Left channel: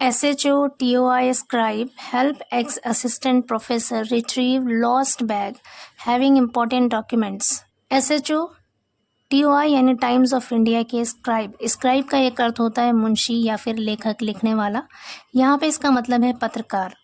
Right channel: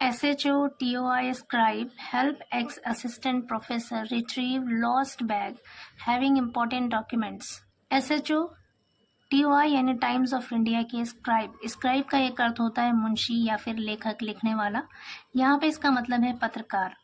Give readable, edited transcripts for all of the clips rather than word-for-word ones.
SHO TOI scribe help ex-assistant professor retrieve lost bag having important documents. SHO TOI यानी times of India के scribe का एक अर्थ होता है मुंशी या फिर लेखक, लिखने वाला। यहाँ पे इसका मतलब है पत्रकार।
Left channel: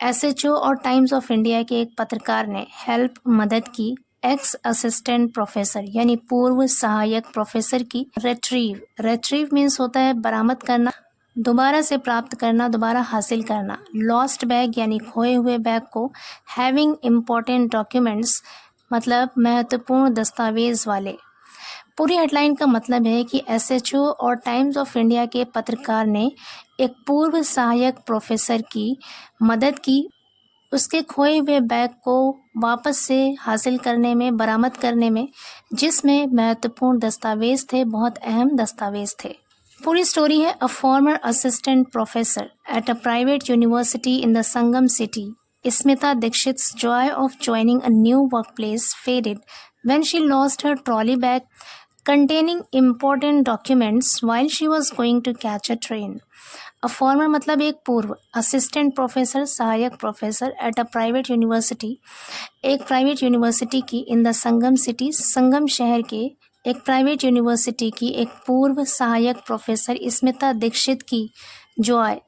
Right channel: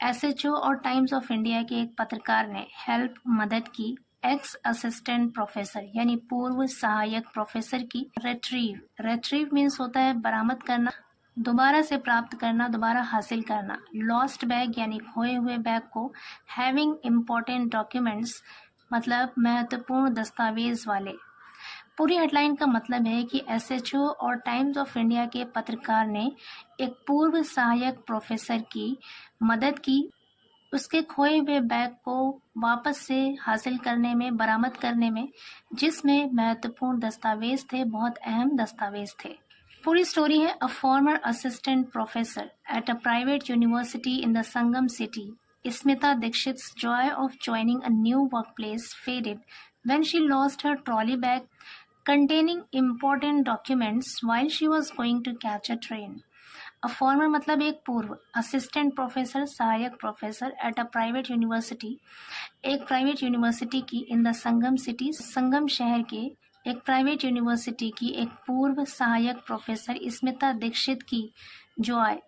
SHO और टाइम्स ऑफ इंडिया के एक पत्रकार ने हेल्प मदद की एक्स असिस्टेंट प्रोफेसर यानी पूर्व सहायक प्रोफेसर की रेट्रीव मीन्स होता है बरामद करना, दोबारा से प्राप्त करना, दोबारा हासिल करना। लॉस्ट बैग यानी खोए हुए बैग को, हैविंग इम्पोर्टेंट डॉक्यूमेंट्स मतलब महत्वपूर्ण दस्तावेज वाले। पूरी हेडलाइन का मतलब है कि SHO और टाइम्स ऑफ इंडिया के पत्रकार ने एक पूर्व सहायक प्रोफेसर की मदद की उसके खोए हुए बैग को वापस से हासिल करने में, बरामद करने में, जिसमें महत्वपूर्ण दस्तावेज थे, बहुत अहम दस्तावेज थे। पूरी स्टोरी है a former assistant professor at a private university in the Sangam city, Smita Dikshit's joy of joining a new workplace faded when she lost her trolley bag containing important documents while she was going to catch a train. A former मतलब एक पूर्व, assistant professor सहायक professor at a private university एक private university की, इन the Sangam city संगम शहर के एक private university की एक पूर्व सहायक प्रोफेसर स्मिता दीक्षित की जॉय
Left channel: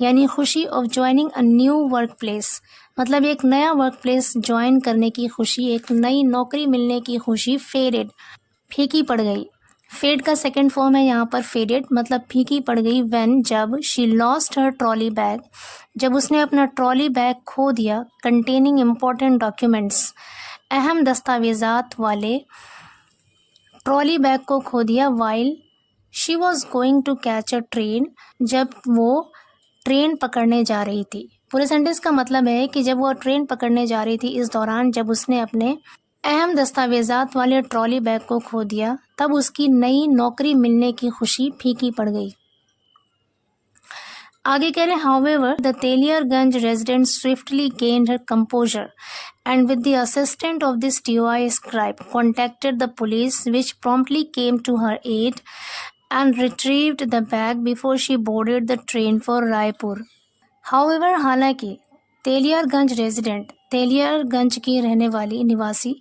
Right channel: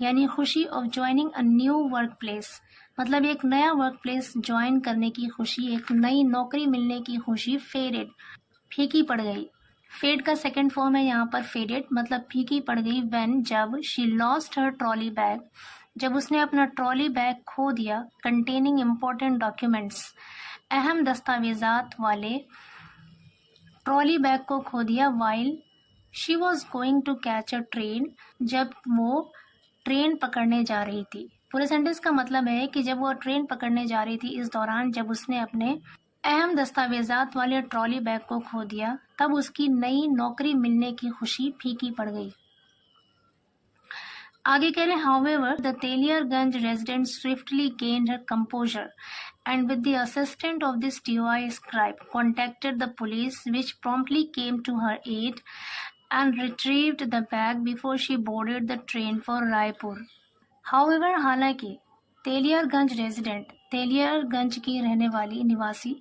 यानी खुशी of joining a new work place मतलब एक नया वर्क प्लेस ज्वाइन करने की खुशी, एक नई नौकरी मिलने की खुशी, फेडेड फीकी पड़ गई। फेड का सेकंड फॉर्म है यहाँ पर फेडेड मतलब फीकी पड़ गई व्हेन जब she lost her trolley bag जब उसने अपना ट्रॉली बैग खो दिया, कंटेनिंग इम्पोर्टेंट डॉक्यूमेंट्स अहम दस्तावेजात वाले ट्रॉली बैग को खो दिया while she was going to catch a train जब वो ट्रेन पकड़ने जा रही थी। पूरे सेंटेंस का मतलब है कि जब वो ट्रेन पकड़ने जा रही थी इस दौरान जब उसने अपने अहम दस्तावेजात वाले ट्रॉली बैग को खो दिया तब उसकी नई नौकरी मिलने की खुशी फीकी पड़ गई। आगे कह रहे हैं however the Teliarganj resident swiftly gained her composure and with the assistance of this TOI scribe contacted the police which promptly came to her aid and retrieved the bag before she boarded the train for Raipur. However हालांकि Teliarganj resident Teliarganj की रहने वाली निवासी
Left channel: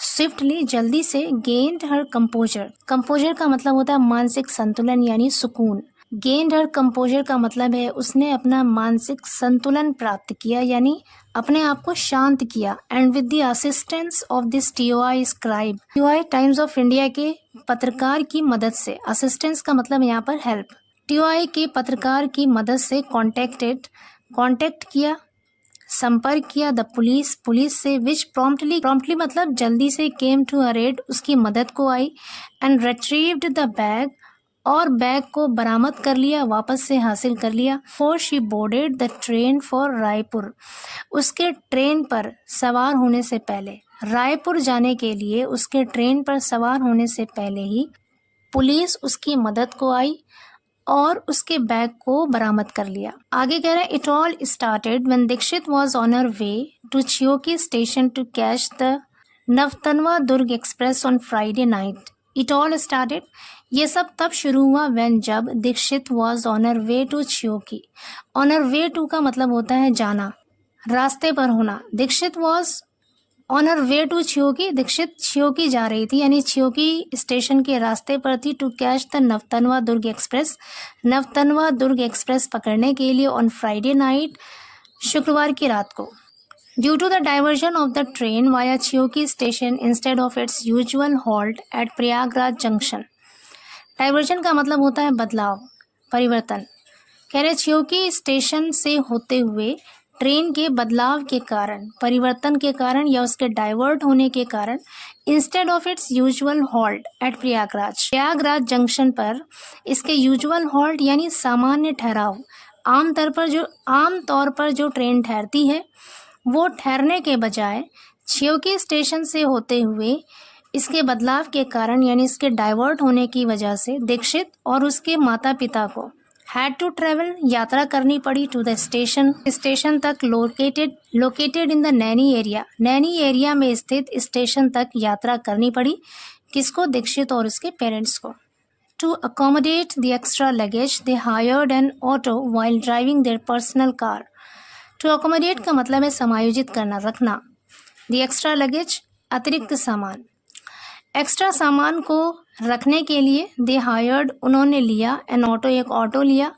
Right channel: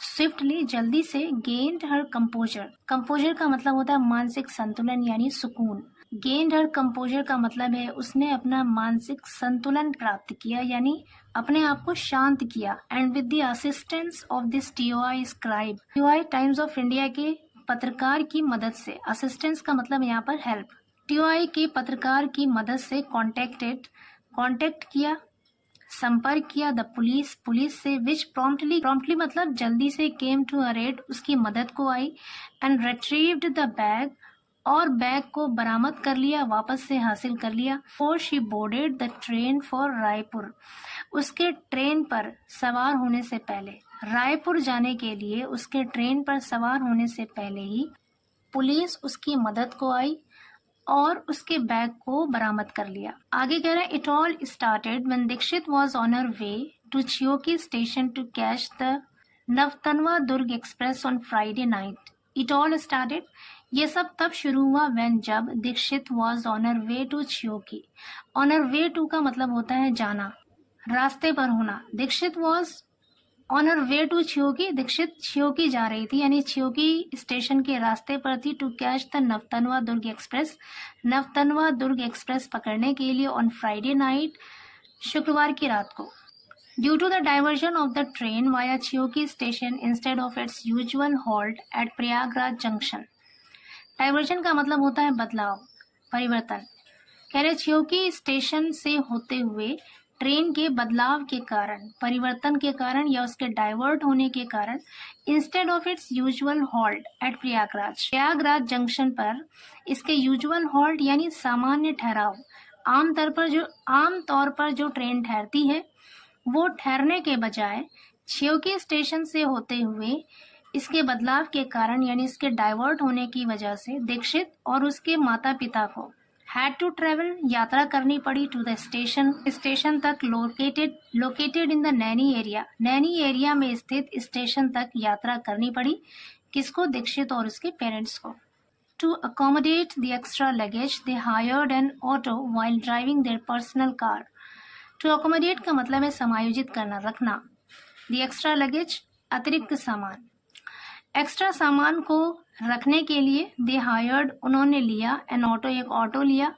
swiftly जल्दी से gained हर composer का मतलब होता है मानसिक संतुलन यानी सुकून। गेंड हर कंपोजर का मतलब है उसने अपना मानसिक संतुलन प्राप्त किया यानी अपने आप को शांत किया। And with the assistance of this TOI scribe TOI times of India के पत्रकार की मदद से, असिस्टेंस का मतलब यहाँ पर हेल्प, TOI के पत्रकार की मदद से कॉन्टेक्ट किया, संपर्क किया द पुलिस से विच प्रॉम्प्टली मतलब जल्दी से केम टू हर एड उसकी मदद को आई एंड रिट्रीव्ड द बैग और बैग को बरामद कर लिया, वापस से हासिल कर लिया। For she boarded the train for Raipur उसके ट्रेन पर सवार होने से पहले, रायपुर जाने के लिए उसके ट्रेन पर सवार होने से पहले ही पुलिस उसकी मदद को आई और उसके बैग को बरामद कर लिया। आगे कह रहे हैं it all started when Dikshit was on her way to Chheoki station to catch the Nautanwa Durg express on Friday night. It all started ये सब तब शुरू हुआ व्हेन जब Dikshit was on her way to Chheoki. On her way to का मतलब होता है जाना, रास्ते पर होना। Dikshit was on her way to Chheoki Dikshit Chheoki जा रही थी यानी छियोकी स्टेशन के रास्ते पर थी to catch the Nautanwa Durg express Nautanwa Durg express पकड़ने के लिए ऑन फ्राइडे नाइट शुक्रवार की रात को। Due to the diversion of the train via Chheoki station instead of its usual halt at Prayagraj junction. Diversion का मतलब होता है बदलाव, परिवर्तन। कह रहे छियोकी स्टेशन से होते हुए ट्रेन के बदलाव के कारण, परिवर्तन के कारण या उसके डाइवर्ट होने के कारण instead of its usual halt at Prayagraj junction पर इसके यूजुअल हॉल्ट यानी सामान्य ठहराव, आमतौर पर जो ट्रेन ठहरती है वो ठहरने के बजाय छियोकी स्टेशन से होते हुए इसके बदलाव के कारण यानी इसके डाइवर्ट होने की वजह से दीक्षित और उसके माता पिता को हैड टू ट्रेवल यात्रा करनी पड़ी टू द स्टेशन तक located in the Naini area में स्थित स्टेशन तक यात्रा करनी पड़ी। किसको? दीक्षित और उसके पेरेंट्स को। To accommodate the extra luggage, they hired an auto while driving their personal car. To accommodate का मतलब है समायोजित करना, रखना. The extra luggage, अतिरिक्त सामान. एक्स्ट्रा सामान को रखने के लिए दे हायर्ड, उन्होंने लिया, एन ऑटो, एक ऑटो लिया,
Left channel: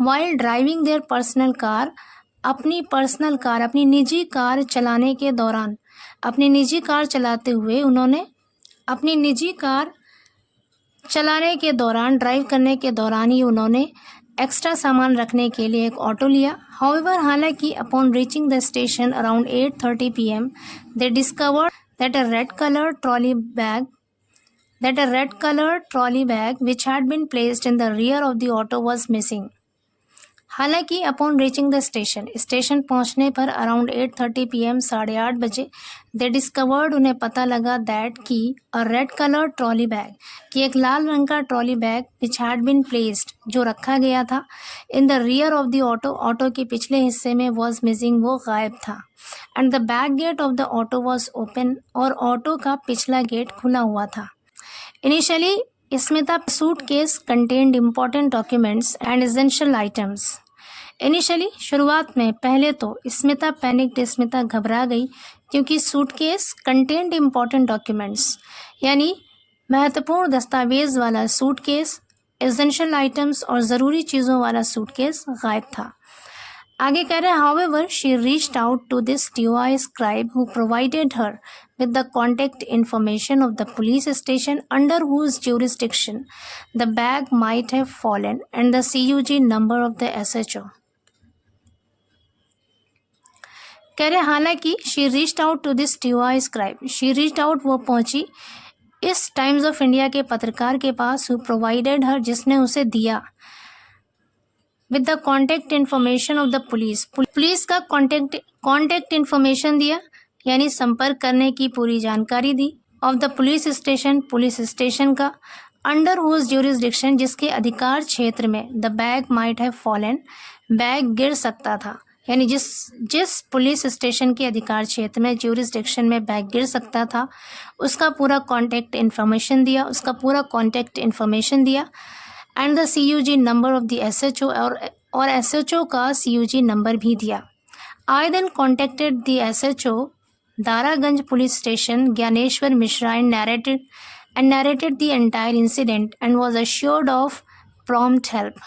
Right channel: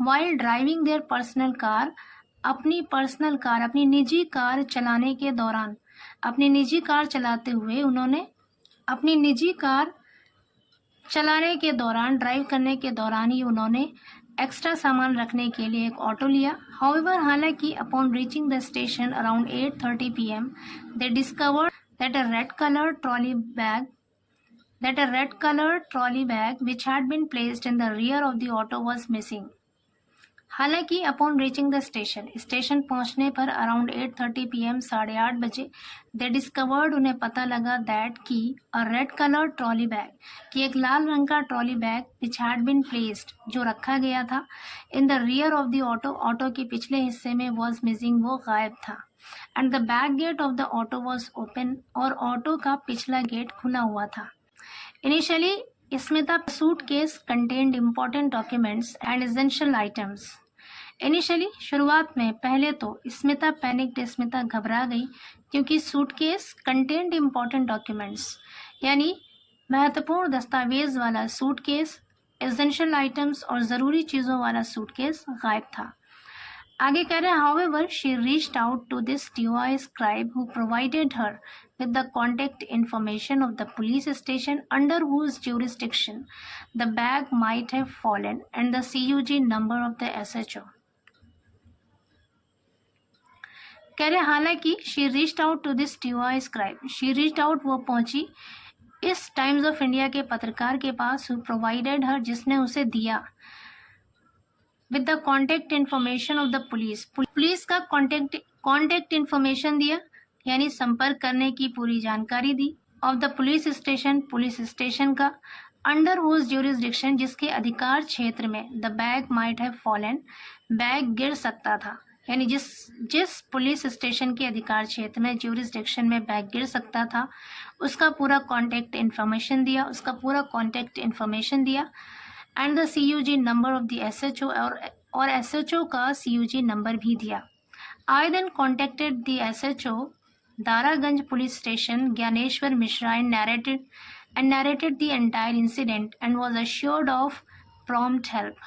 while driving their personal car, अपनी पर्सनल कार, अपनी निजी कार चलाने के दौरान, अपनी निजी कार चलाते हुए उन्होंने, अपनी निजी कार चलाने के दौरान, ड्राइव करने के दौरान ही उन्होंने एक्स्ट्रा सामान रखने के लिए एक ऑटो लिया. हाउएवर, हालांकि upon reaching the station around 8:30 PM, they discovered that a red colored trolley bag which had been placed in the rear of the auto was missing. हालांकि अपॉन रीचिंग द स्टेशन पहुंचने पर around 8:30 PM, 8:30 बजे, दे discovered, उन्हें पता लगा, that की a red coloured trolley bag, कि एक लाल रंग का trolley bag which had been placed, जो रखा गया था, in the rear of the auto, auto के पिछले हिस्से में, वॉज मिसिंग, वो गायब था. And the back gate of the auto was open, और ऑटो का पिछला गेट खुला हुआ था. Initially Smita suitcase contained important documents and essential items. Initially, शुरुआत में, पहले तो स्मिता पैनिक्ड, स्मिता घबरा गई, क्योंकि सूटकेस कंटेन्ड इम्पोर्टेंट डॉक्यूमेंट्स, यानी महत्वपूर्ण दस्तावेज वाला सूटकेस, एसेंशियल आइटम्स और ज़रूरी चीज़ों वाला सूटकेस गायब था. आगे कह रहे हैं, however she reached out to this TOI scribe who provided her with the contact information of the police station under whose jurisdiction the bag might have fallen and the CUG number of the SHO. कह रहे हालांकि she reached out to this TOI scribe, she reached out, वो पहुंची, इस times of India के पत्रकार के पास, who provided हर, जिसने उसे दिया, with the contact information of the police का कॉन्टेक्ट इन्फॉर्मेशन दिया, यानी संपर्क करने की पूरी जानकारी दी, ऑफ द पुलिस स्टेशन का, अंडर हुज ज्यूरिसडिक्शन, जिसके अधिकार क्षेत्र में, the bag might have fallen, bag गिर सकता था, यानी जिस पुलिस स्टेशन के अधिकार क्षेत्र में, ज्यूरिसडिक्शन में बैग गिर सकता था, उसका पूरा कॉन्टेक्ट इन्फॉर्मेशन दिया, and the CUG number of the SHO, और SHO का CUG नंबर भी दिया. I then contacted the SHO Daraganj police station, Gyaneshwar Mishra, and narrated the entire incident and was assured of prompt help.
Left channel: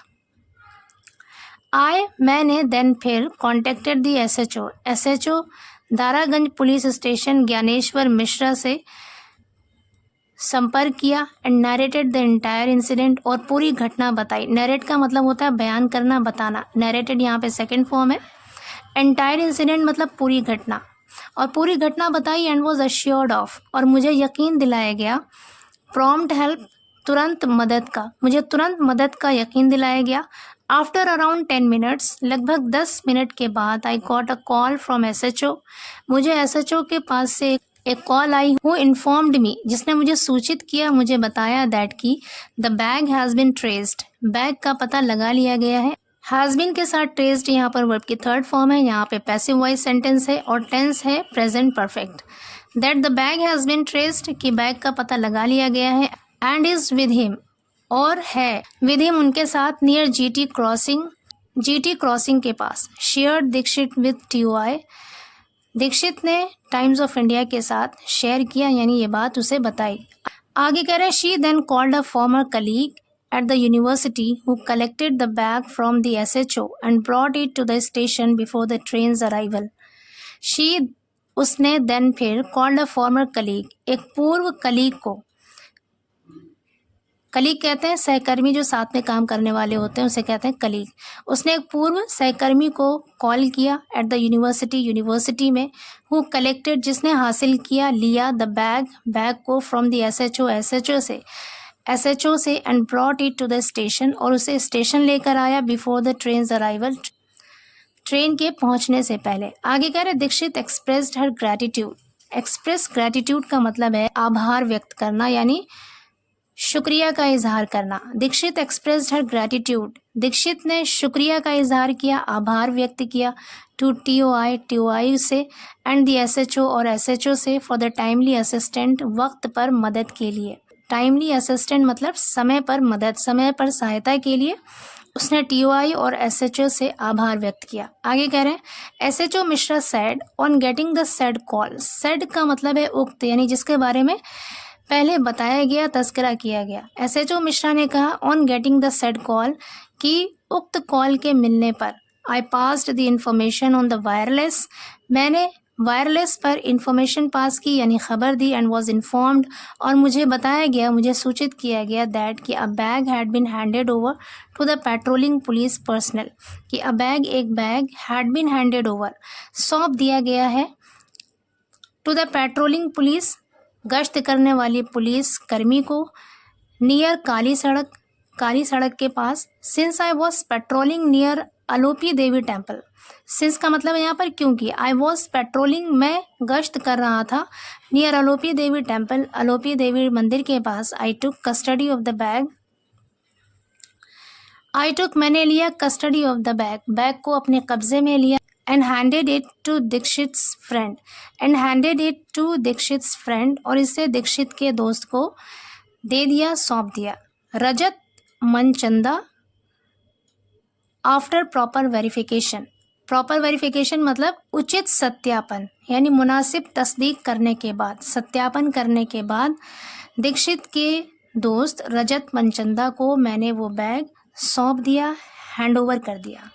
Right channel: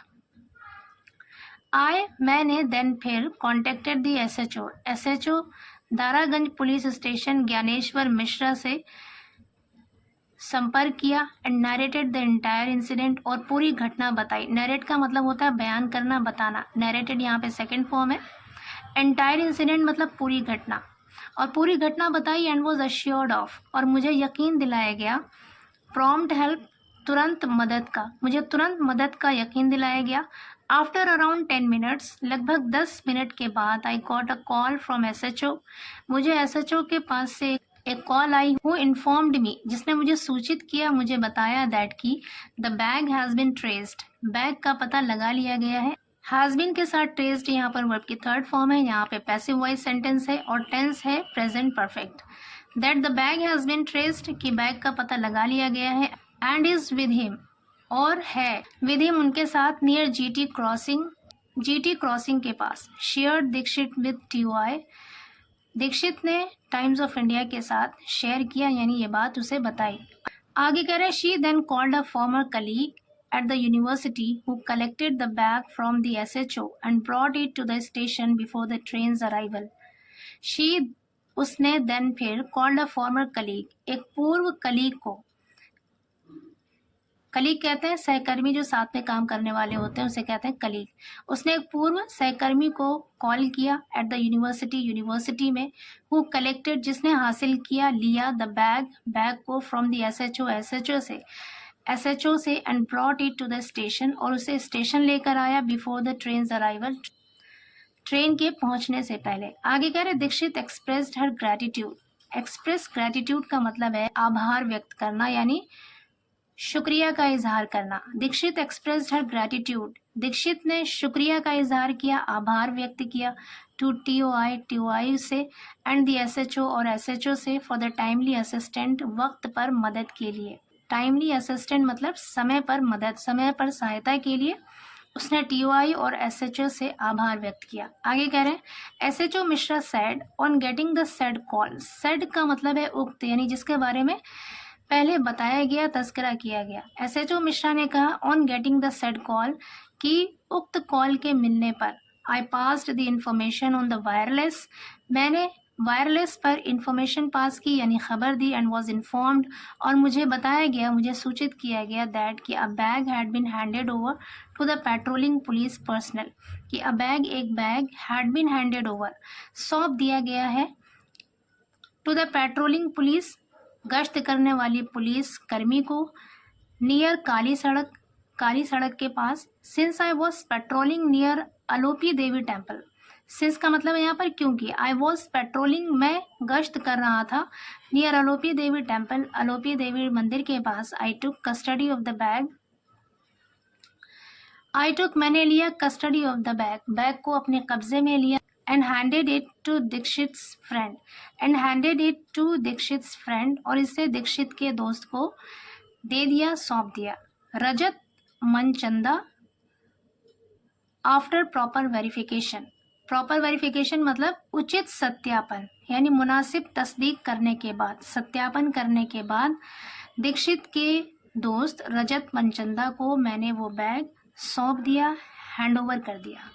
मैंने then फिर contacted the SHO Daraganj police station Gyaneshwar Mishra से संपर्क किया, and narrated the entire incident, और पूरी घटना बताई. नैरेट का मतलब होता है बयान करना, बताना. नैरेटेड यहाँ पे सेकंड फॉर्म है. एंटायर इंसिडेंट मतलब पूरी घटना, और पूरी घटना बताई, एंड वाज अश्योर्ड ऑफ, और मुझे यकीन दिलाया गया, प्रॉम्प्ट हेल्प, तुरंत मदद का, मुझे तुरंत मदद का यकीन दिलाया गया. आफ्टर अराउंड 10 मिनट्स, लगभग 10 मिनट के बाद, I got a call from SHO, मुझे SHO के पास से एक कॉल आई, हु इन्फॉर्म्ड मी, जिसने मुझे सूचित किया, मुझे बताया, दैट की the bag has been traced, bag का पता लगा लिया गया है. हैज़ बिन के साथ ट्रेस्ड यहाँ पर वर्ब की थर्ड फॉर्म है, यहाँ पे पैसिव वॉइस सेंटेंस है, और टेंस है present perfect. That the bag has been traced, कि बैग का पता लगा लिया गया है, एंड इज विद हिम, और है विद हिम, उनके साथ, नियर GT क्रॉसिंग के पास. Shared Dikshit with TOI, Dikshit ने टाइम्स ऑफ इंडिया के साथ शेयर किया, यानी ये बात उसे बताई. आगे कह रहे हैं, she then called a former colleague at the university who collected the bag from the SHO and brought it to the station before the train's arrival. उसने देन फिर कॉल्ड अ फॉर्मर कलीग, एक पूर्व colleague को, colleague कहते हैं सहकर्मी, जो साथ में काम करने वाले होते हैं उसे कहते हैं कलीग. उसने एक पूर्व सहकर्मी को कॉल किया एट द यूनिवर्सिटी में, हु कलेक्टेड, जिसने हासिल किया, लिया, द बैग को, फ्रॉम द SHO से, and brought it to the station, और उसे स्टेशन लेकर आया, before the train's arrival, train के पहुंचने से पहले. आगे कह रहे, Dixit expressed her gratitude. Express gratitude का मतलब है आभार व्यक्त करना, यानी शुक्रिया का इजहार करना. Dixit expressed her gratitude, Dixit ने शुक्रिया का इजहार किया, आभार व्यक्त किया, टू TOI से, एंड द SHO और SHO से, फॉर द टाइमली असिस्टेंट, वक्त पर मदद के लिए. टाइमली असिस्टेंट मतलब समय पर मदद, समय पर सहायता के लिए उसने टीओआई और एसएचओ से आभार व्यक्त किया। आगे कह रहे हैं SHO Mishra said on getting the said call. Said का मतलब है उक्त, यानी जिसके बारे में पहले बताया गया, तस्करा किया गया। एसएचओ मिश्रा ने कहा on getting the said call कि उक्त कॉल के मिलने पर I passed the information on the wireless, मैंने वायरलेस पर इंफॉर्मेशन पास की यानी खबर दी, एंड वॉज इन्फॉर्म्ड और मुझे बताया गया, मुझे सूचित किया गया दैट कि a bag had been handed over to the patrolling police personnel, कि अ बैग एक बैग हैड बीन हैंडेड ओवर सौंप दिया गया है टू द पेट्रोलिंग पुलिस गश्त करने वाली पुलिस कर्मी को, नियर काली सड़क के पास, since I was patrolling near Alopi Devi temple. Since का मतलब है यहाँ पर क्योंकि, आई वॉज पेट्रोलिंग मैं गश्त कर रहा था, नियर अलोपी देवी टेम्पल अलोपी देवी मंदिर के पास, I took custody of the bag, मैंने लिया custody of the bag, bag को अपने कब्जे में लिया, and handed it to Dikshit's friend और इसे दीक्षित के दोस्त को दे दिया, सौंप दिया। रजत मनचंदा आफ्टर प्रॉपर वेरिफिकेशन मतलब उचित सत्यापन यानी मुनासिब तस्दीक करने के बाद, सत्यापन करने के बाद दीक्षित के दोस्त रजत मनचंदा को मैंने वो बैग सौंप दिया, हैंड ओवर कर दिया।